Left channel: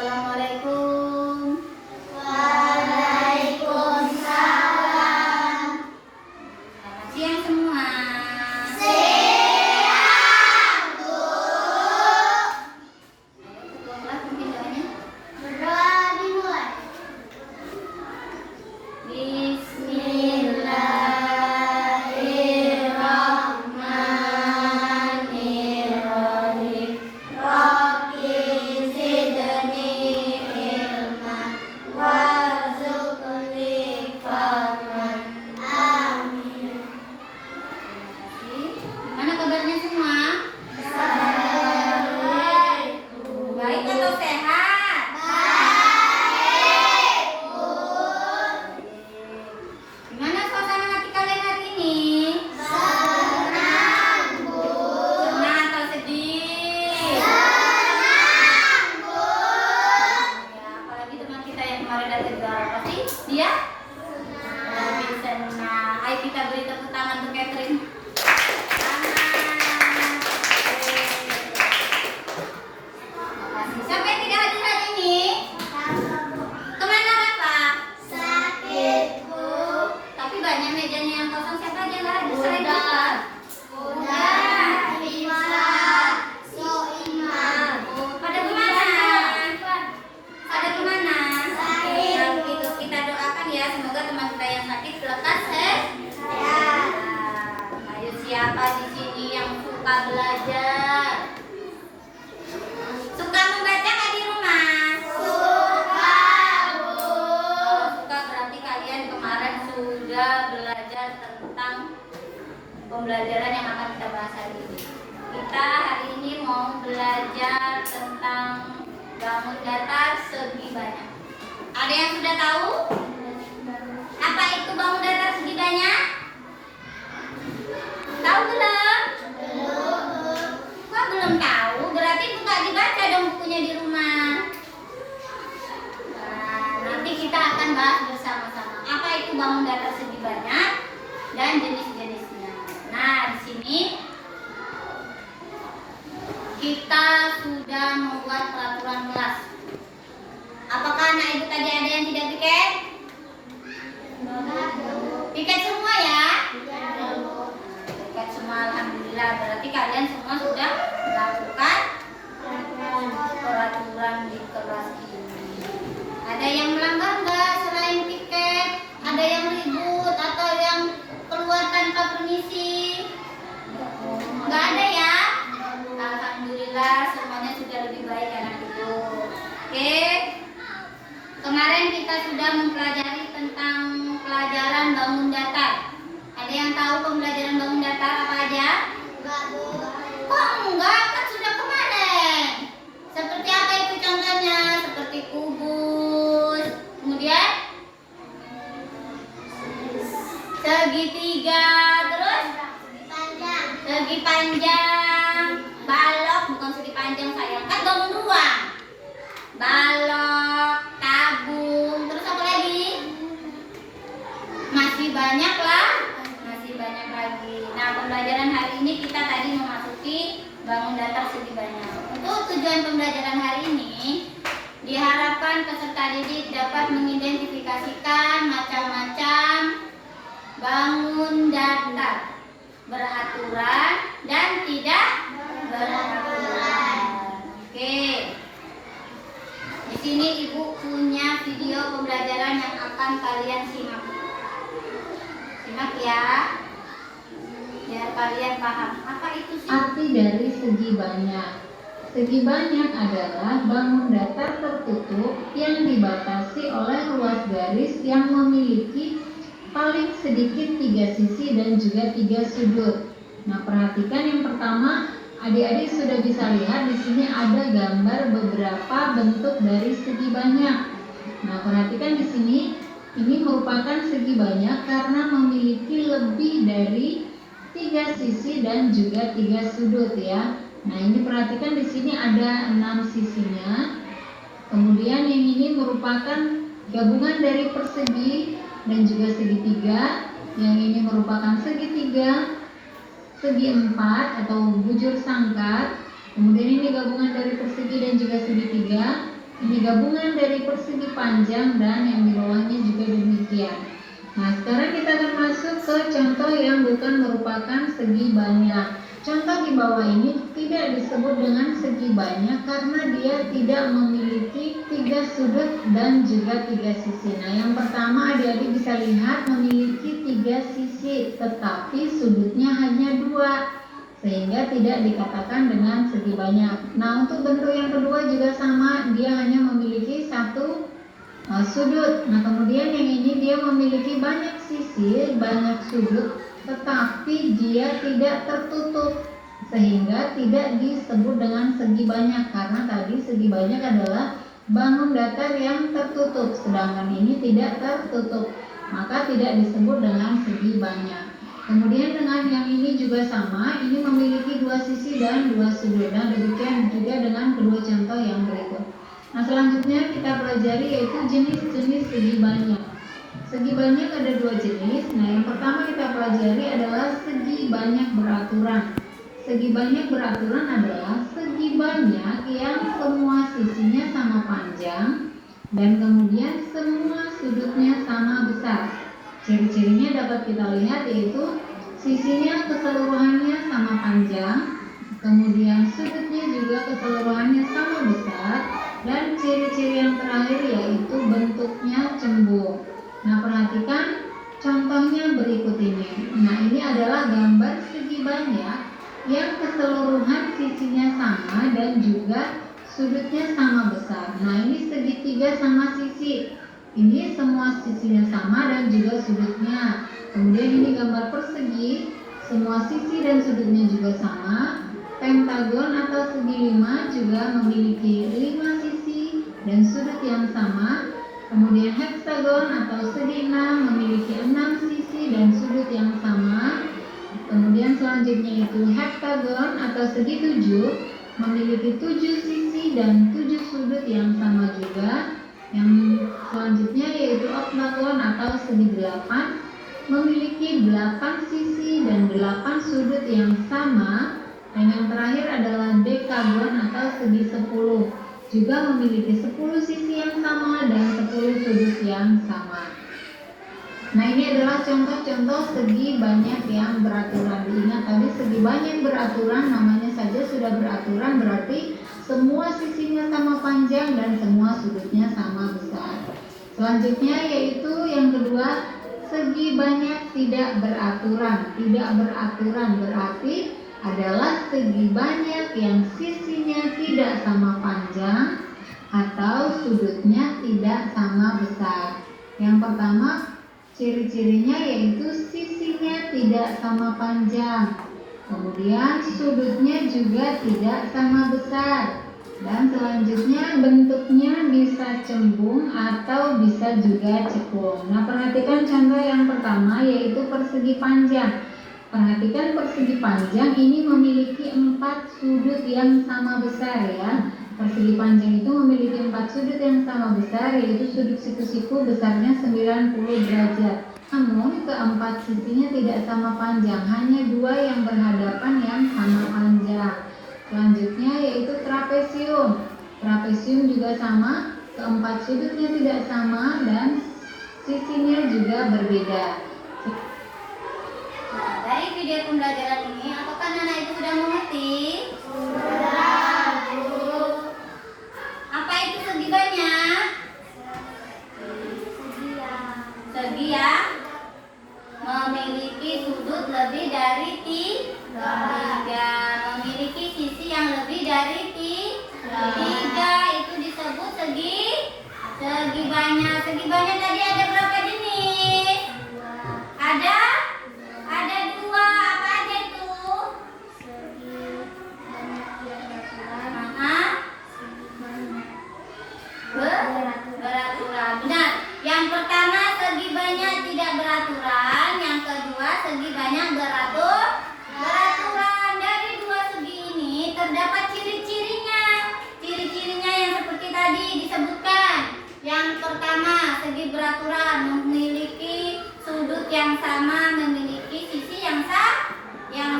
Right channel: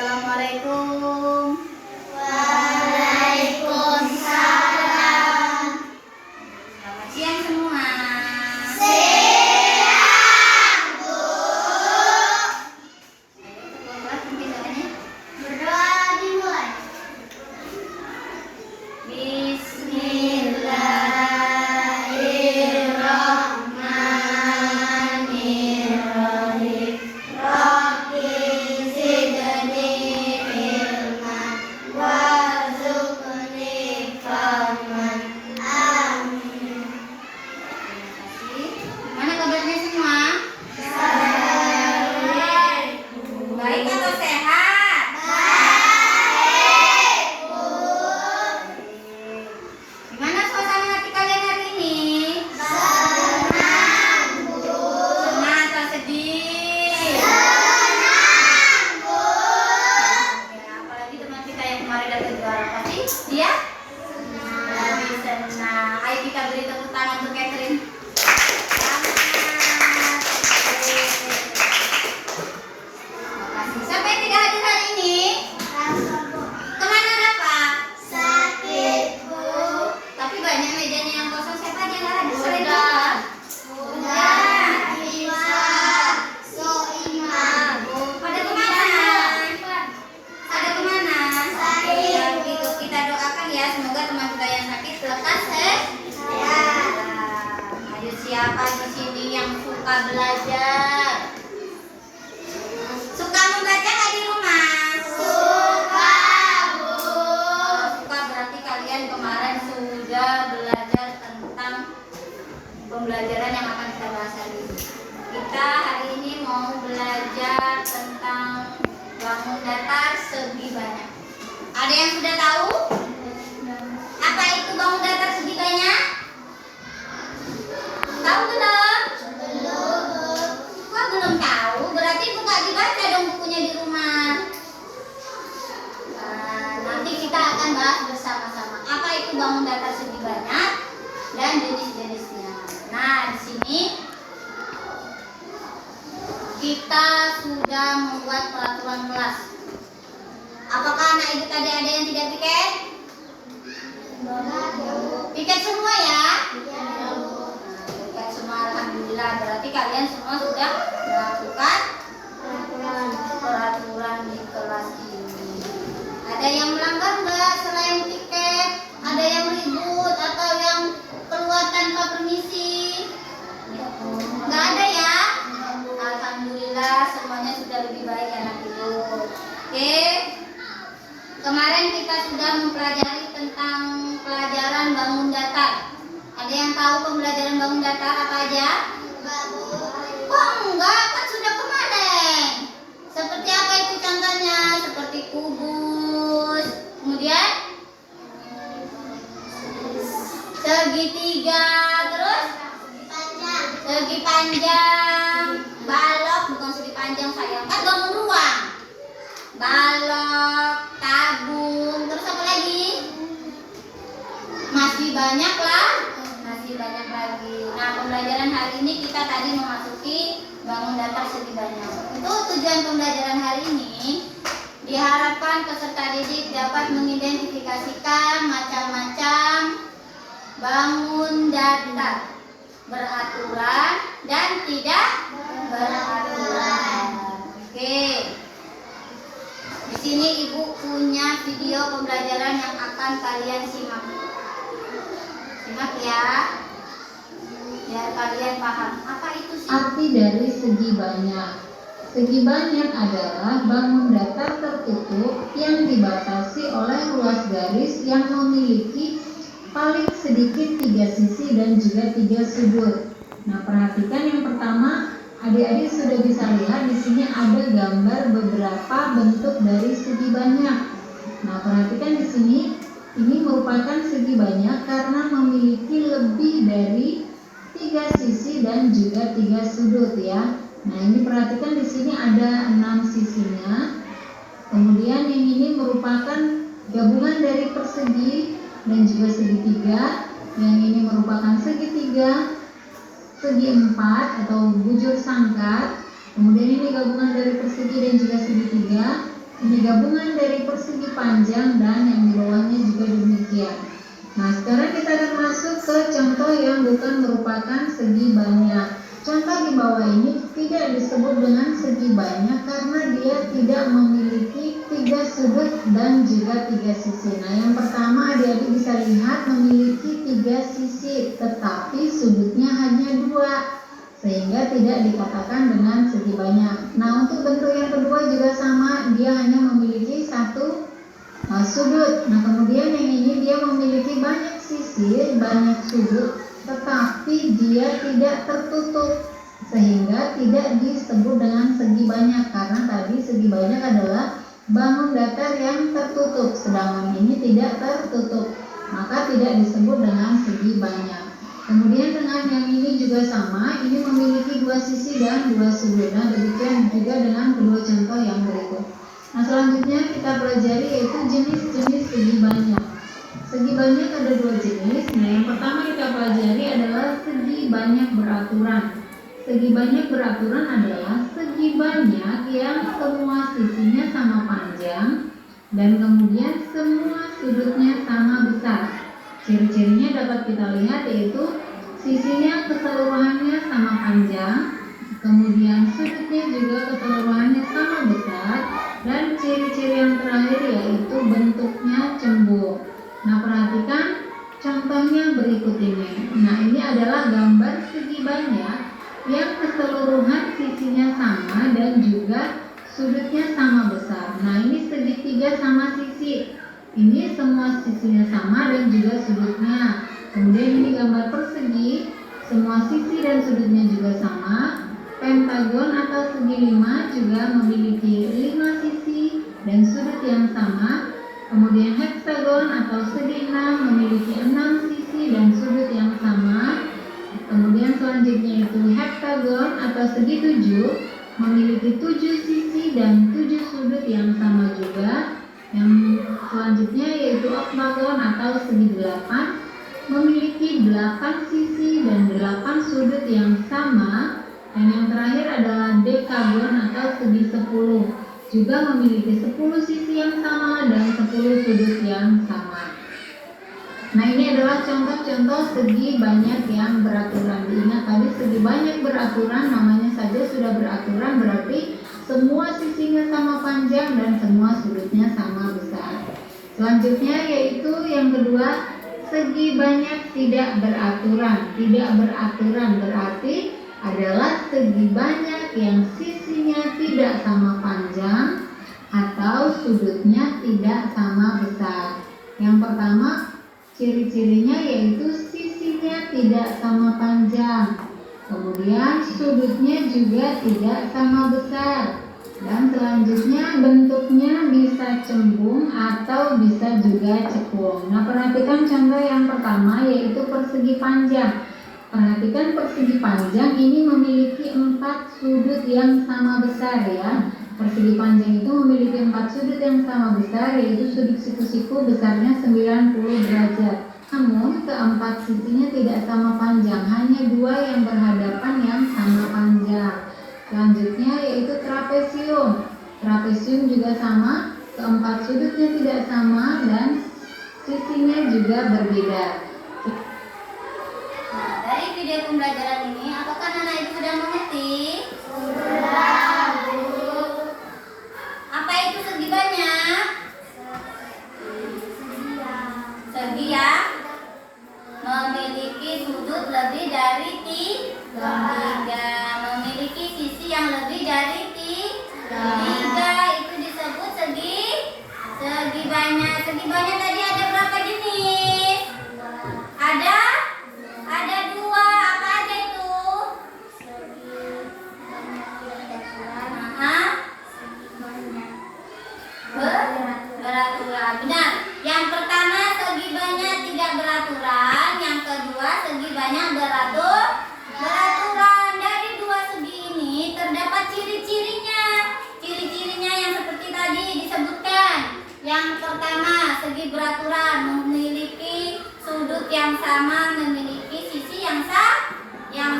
Assalamualaikum. Waalaikumsalam. Selamat siang semua. Siang, Bu. Ketua kelas mungkin doanya. Berdoa dimulai. Bismillahirrahmanirrahim. Rabbi zidni ilman warzuqni fahman. Amin. Terima kasih. Gimana kabarnya semua? Baik atau sehat? Baik, Bu. Gimana suasana hati kalian hari ini? Senang, Bu. Senang atau sedih? Senang, Bu. Ya, apalagi teman kita yang kemarin datang juga apa sih? Dia? Lebih senang. Ayo kita beri tepuk tangan untuk Catherine. Selamat. Terima kasih. Siapa yang tidak hadir hari ini? Kemana Rafa? Sakit, Bu. Tapi banyak mejanya yang kosong. Siapa aja yang nggak hadir selain Rafa? Udah, Isa, Soimah. Pada kemana? Pada kemana? Sakit. Kalau begitu kita doakan ya, semoga teman kita yang sakit lekas Ya. Ayo siapa di sini yang suka belajar? Suka membaca nggak di rumah? Suka, Bu. Kalau suka berarti kalian kemarin sudah belajar tentang pembelajaran yang akan kita bahas hari ini. Kita hari ini mau belajar tentang bangun datar segi banyak. Ada yang sudah tahu? Apa itu bangun datar segi banyak? Tahu belum? Kok belum tahu? Berarti buka dibaca dong bukunya di rumah. Nah, nanti kita akan bahas bersama-sama apa itu bangun datar segi banyak dan jenis-jenisnya. Nah, di sini kita sudah membuat peraturan kelas. Apakah anak ibu tadi ada yang tidak piket? Piket semua ya? Piket semua, alhamdulillah. Berarti kalian semua sudah melakukan peraturan di kelas ini. Ada yang melanggar nggak selain piket? Ada yang ribut atau yang keluar tanpa permisi? Nggak ada ya? Alhamdulillah semuanya sudah lebih baik anak ibu. Oke. Kemarin kita sudah mempelajari tentang pelajaran bangun datar. Ada yang tahu pembelajaran bangun datar apa aja? Kok enggak? Kan sudah kemarin. Seperti apa itu contohnya? Seperti kubus. Kemudian segitiga, terus segi panjang, balok, bukan segi panjang sayang, kan bangun ruang. Balok, tabung, terus apa lagi? Masih banyak lah, masih banyak lagi. Nah, pembelajaran hari ini kita tadi memasuki bangun datar segi banyak. Untuk tujuan pembelajaran hari ini, diharapkan peserta didik dapat mengidentifikasikan macam-macam bangun datar, beraturan dan tidak beraturan. Oke. Di sini ibu punya video pembelajaran yang akan kalian simak. Simak ya. Biar kalian paham. Apa itu sih? Arti dari segi banyak. Segi banyak adalah bangun datar tertutup yang dibatasi oleh ruas garis yang memiliki paling sedikit 3 sisi dan juga 3 sudut. Nah, perhatikan yang pertama, adik-adik sudah bisa lihat di sini ada gambar beberapa bentuk dari segi banyak. Nah, perhatikan di sini, ini merupakan segi banyak karena memiliki lebih dari 3 sisi dan juga 3 sudut ya. Nah, ini perhatikan di sini ada 6 sisinya. Kemudian yang ini merupakan gabungan dari persegi dan juga segitiga. Yang ini merupakan segitiga, segi empat atau bujur sangkar. Kemudian ini gabungan dari persegi dan juga segitiga. Ini gabungan dari persegi panjang dan yang di bawahnya juga demikian. Nah, sekarang kita akan masuk ke contoh yang bukan merupakan segi banyak. Contoh di bawah ini tidak disebut dengan segi banyak karena dia tidak memiliki 3 sudut dan juga 3 sisi. Nah, yang pertama adik-adik bisa lihat memiliki 3 sisi, tetapi sudutnya hanya 2. Sehingga tidak dikatakan dengan segi banyak. Nah, untuk bentuk yang kedua juga sama, dia hanya memiliki 1 sudut. Nah, kemudian yang ini dia memiliki banyak sisi, banyak sudut, tetapi dia tidak tertutup, sehingga tidak disebut dengan segi banyak karena tadi segi banyak adalah bangun datar yang tertutup, sedangkan ini tidak tertutup, maka tidak disebut dengan segi banyak. Kemudian dengan yang ini juga sama, ini memiliki 2 sisi dan 2 sudut. Dan demikian juga dengan kedua contoh yang berikut. Nah, selanjutnya kita pelajari yaitu jenis-jenis segi banyak. Segi banyak ada 2 jenis. Nah, yang pertama kita pelajari adalah segi banyak beraturan. Segi banyak beraturan adalah segi banyak yang semua sisinya sama panjang dan kemudian semua sudutnya sama besar. Ciri-cirinya dapat kita lihat yaitu sisinya keseluruhannya sama panjang, kemudian sudutnya juga keseluruhannya sama besar, dan ciri-ciri yang terakhir yaitu bentuknya cembung. Nah, perhatikan contohnya berikut ini. Nah, ini adalah gambar segi banyak yang keseluruhan sisinya sama dan juga sudutnya sama besar. Nah, ini segitiga sama sisi. Ini semua sisinya sama dan juga sudutnya. Kemudian ini gambar persegi, semua sisi dan sudutnya juga sama. Pentagon atau segi 5 juga memiliki 5 sisi dan sudut yang sama. Kemudian heksagon atau segi 6 memiliki 6 sisi dan sudut yang sama. Kemudian selanjutnya itu heptagon atau segi 7 memiliki 7 sisi dan 7 sudut yang sama juga. Yang selanjutnya yaitu oktagon atau segi 8 memiliki 8 sisi dan 8 sudut yang sama. Dan yang terakhir adalah dekagon atau segi 10 juga memiliki 10 sisi yang sama dan 10 sudut yang sama. Nah, ini adalah contoh-contoh segi banyak yang beraturan. Diingat tadi segi banyak beraturan, namanya saja sudah beraturan, berarti semua sisinya sama panjang dan semua sudutnya sama besar. Selanjutnya yaitu yang kedua, segi banyak tidak beraturan. Tidak beraturan berarti adalah segi banyak yang sisinya tidak sama panjang atau sudutnya tidak sama besar. Yang pertama, ciri-cirinya yaitu sisinya tidak sama panjang, kemudian sudutnya juga tidak sama besar, dan selanjutnya bentuknya bisa cembung atau bisa juga cekung. Nah, perhatikan contoh yang pertama yaitu persegi panjang. Perhatikan persegi panjang ini memiliki 4 sudut yang sama besar ya. Persegi panjang itu memiliki 4 sudut yang sama besar, yaitu sudut siku-siku besarnya 90 derajat. Namun keempat sisinya tidak sama panjang, hanya 2 yang berhadapan yang sama panjang. Selanjutnya yaitu trapesium. Trapesium juga sama, keempat sudutnya tidak sama dan sisinya juga berbeda. Nah, dari video pembelajaran ini, apakah anak itu sudah mengerti? Sudah, Bu. Apa itu segi banyak? Segi yang memiliki sudut lebih dari 3, memiliki sisi yang lebih dari 3, itu disebut segi banyak. Segi banyak tadi ada berapa jenis? Ada 2. Apa aja itu? Beraturan. Benar. Yang pertama segi banyak tidak beraturan, yang kedua segi banyak beraturan. Dari 2 segi ini terdapat ciri-cirinya. Ciri-cirinya yang seperti tadi disebutkan. Yang pertama, segi beraturan memiliki sudut yang sama, memiliki sisi yang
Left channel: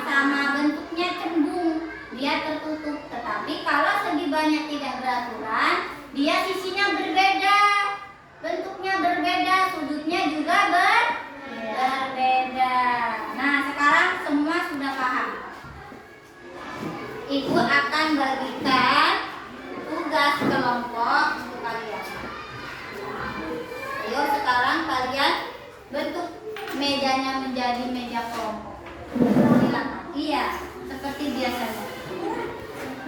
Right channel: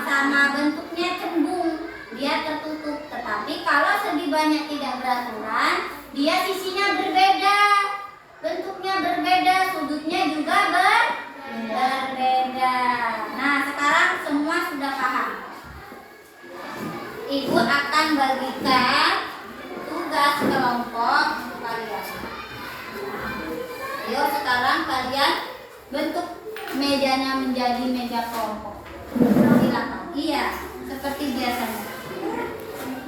sama, bentuknya cembung, dia tertutup. Tetapi kalau segi banyak tidak beraturan, dia sisinya berbeda, bentuknya berbeda, sudutnya juga berbeda. Nah, sekarang semua sudah paham. Ibu akan bagikan tugas kelompok untuk kalian. Ayo sekarang kalian bentuk mejanya menjadi meja kelompok. Silakan. Iya, seperti biasanya.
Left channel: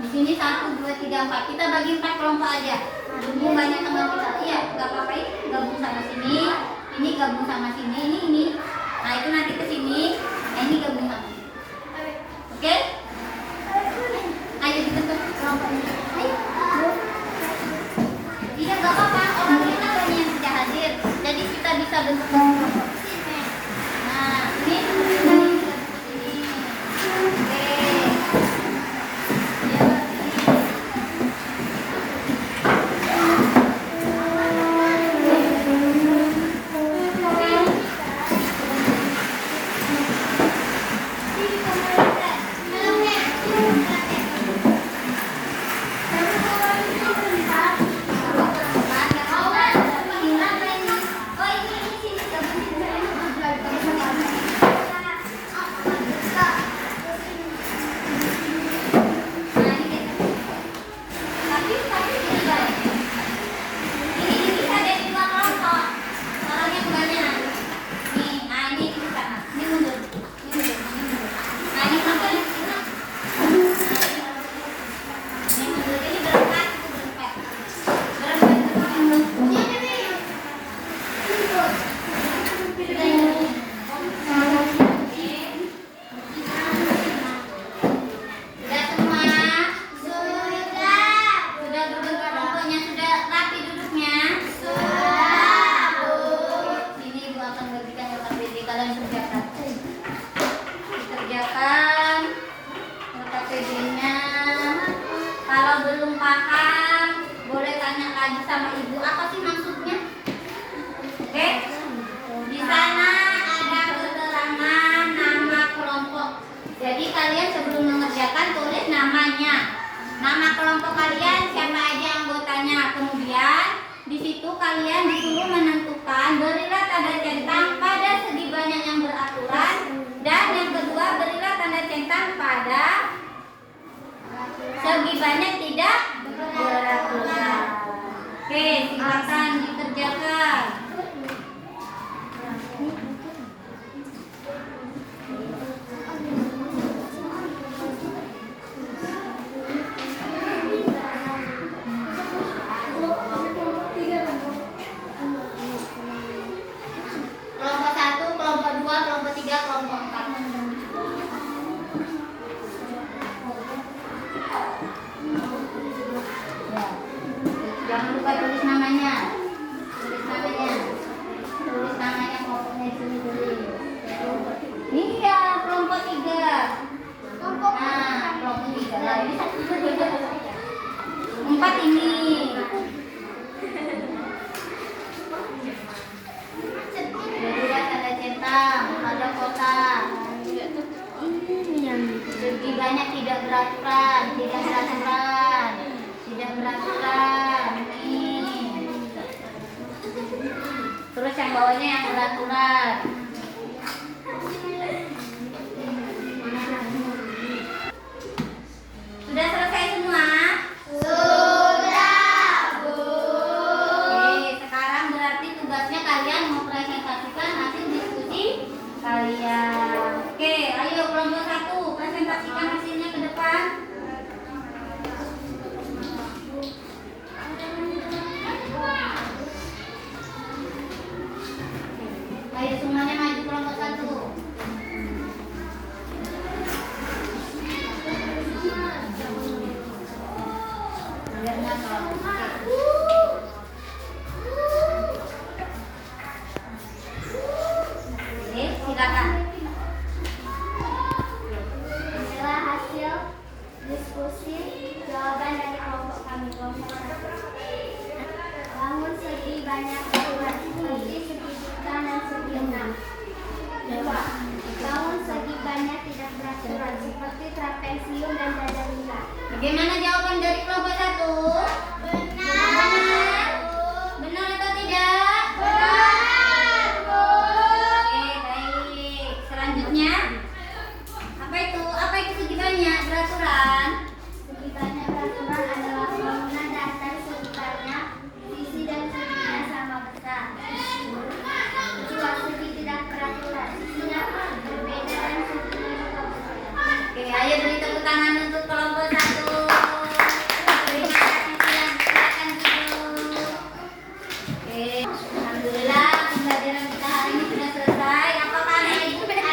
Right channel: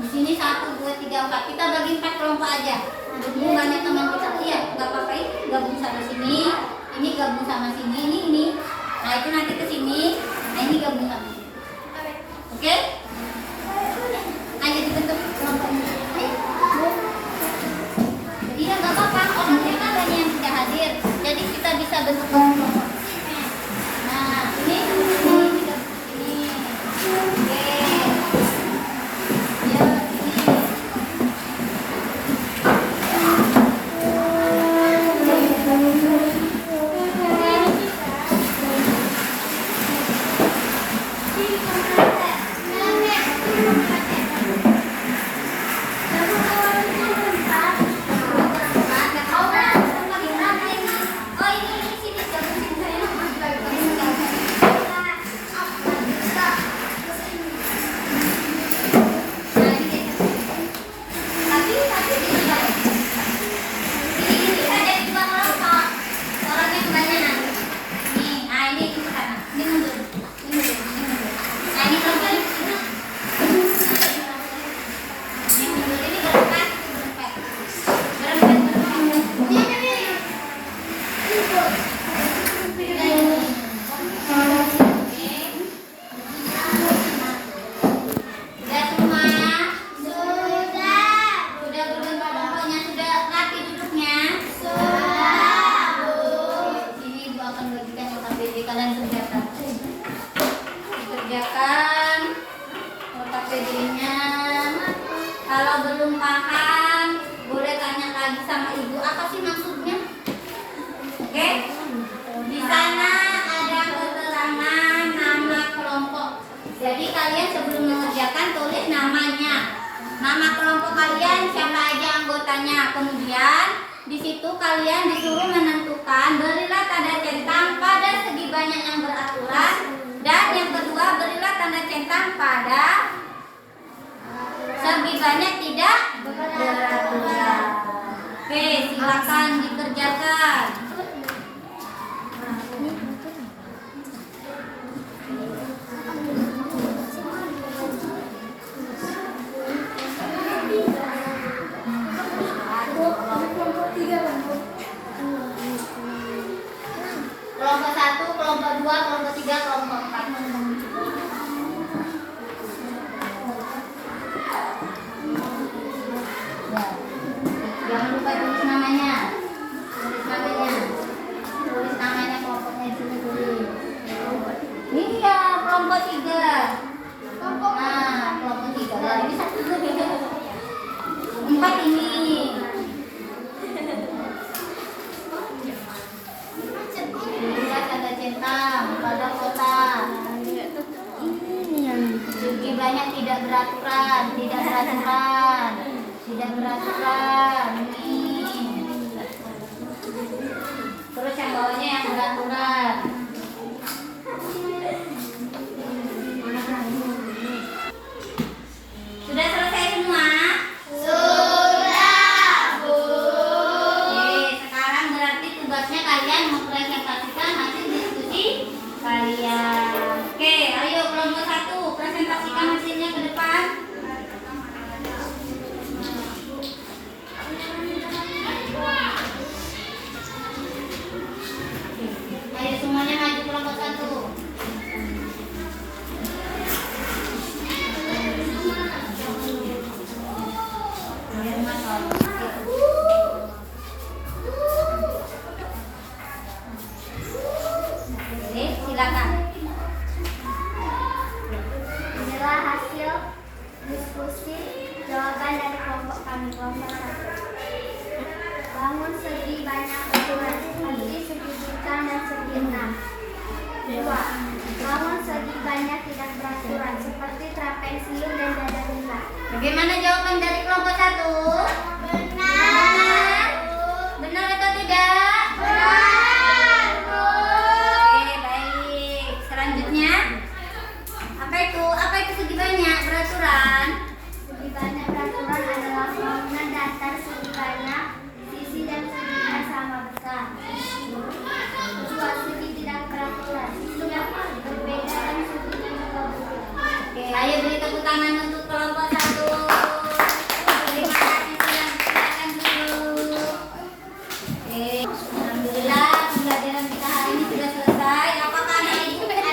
Di sini 1, 2, 3, 4. Kita bagi 4 kelompok aja. Berhubung banyak teman kita. Iya, nggak apa-apa. Gabung sama sini. Ini gabung sama sini. Ini. Nah itu nanti ke sini. Nah ini gabung sama sini. Oke? Ayo dibentuk kelompoknya. Ayo. Iya nggak apa-apa. Orang kita banyak yang tidak hadir. Jadi kita bisa bentuk kelompok. Nah ini. Kalian kerjakan OTPD-nya. Kalau belum paham boleh tanya lagi sama ibu apa sih maksudnya. Oke? Di sana ada keterangan nama kelompok. Jadi kalian sebelum mengerjakan tulis namanya, nama kelompok kalian, siapa aja anggotanya. Kemudian di situ kalian disuruh menentukan, berilah tanda centang pada segi banyak yang beraturan, dan yang kedua berilah tanda centang pada segi banyak tidak beraturan. Oke, silakan dikerjakan. Kelompok 1, kelompok 2, kelompok 3, kelompok 4. Ya. Jangan lupa tulis namanya. Tulis namanya kelompoknya di sini tulis. Iya, kelompok 3. Nah, kelompok 3. Nah, ini 4 ini. Berilah tanda centang pada kotak. Segi banyak tidak beraturan, tidak beraturan, tidak beraturan. Ini. Terus yang bawahnya yang beraturan. Sudah selesai semua? Kalian mempresentasikan hasil diskusi kalian. Oke, ayo kelompok 1 presentasikan hasilnya ke depan. Ayo semuanya maju kelompok 1. Silakan. Inilah hasil diskusi jawaban dari kelompok kami, kelompok 1. Bangun segi banyak beraturan seperti segi bintang dan segi enam. 2. Bangun segi banyak tidak beraturan seperti trapezium dan dada lingkar. Bagaimana jawaban dari kelompok 1? Benar. beri tepuk tangan untuk kelompok 1. Terima kasih, silakan dulu. Oke, alhamdulillah pembelajaran kita hari ini sudah selesai. Apakah ada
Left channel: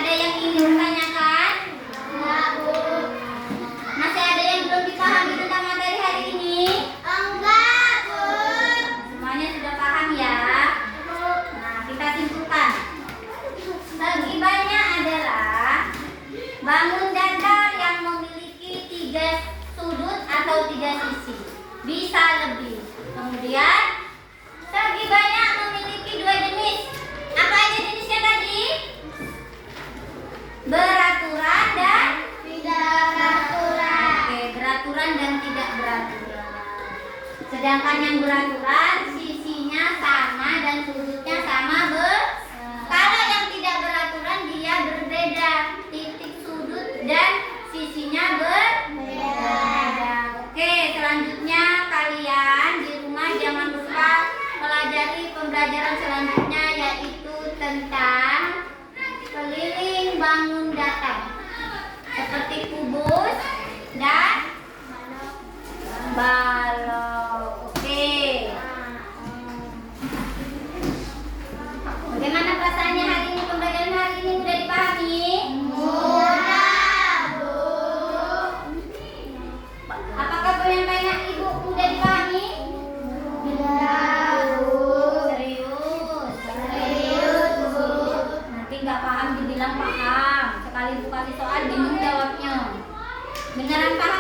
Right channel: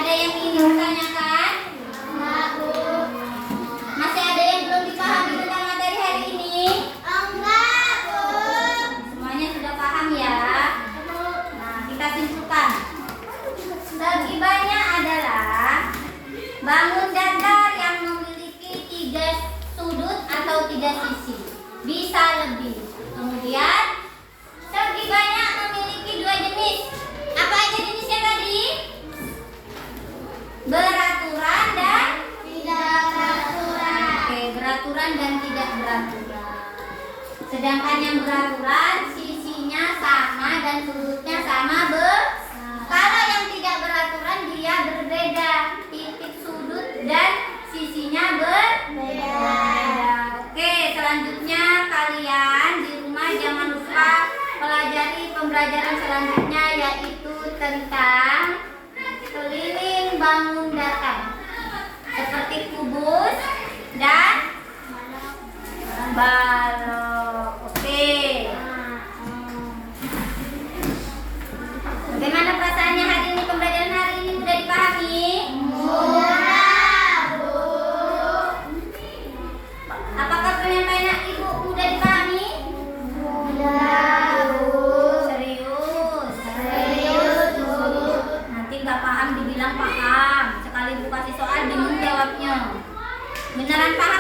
yang ingin ditanyakan? Masih ada yang belum dipahami tentang materi hari ini? Semuanya sudah paham ya? Nah, kita simpulkan. Segi banyak adalah bangun datar yang memiliki 3 sudut atau 3 sisi. Bisa lebih. Kemudian segi banyak memiliki 2 jenis. Apa aja jenisnya tadi? Beraturan dan tidak beraturan. Oke, beraturan dan tidak beraturan. Sedangkan yang beraturan sisinya sama dan sudutnya sama. Kalau yang tidak beraturan dia berbeda, titik sudut dan sisinya berbeda. Oke, selanjutnya kalian di rumah jangan lupa pelajari pembelajaran selanjutnya, yaitu tentang keliling bangun datar seperti kubus dan balok. Oke. Bagaimana perasaannya hari ini? Pembelajaran hari ini sudah dipahami? Apakah penyampaian ibu sudah dipahami? Serius. Nanti nggak paham dibilang paham. Sekali bu kasih soal bingung jawabnya. Beneran paham?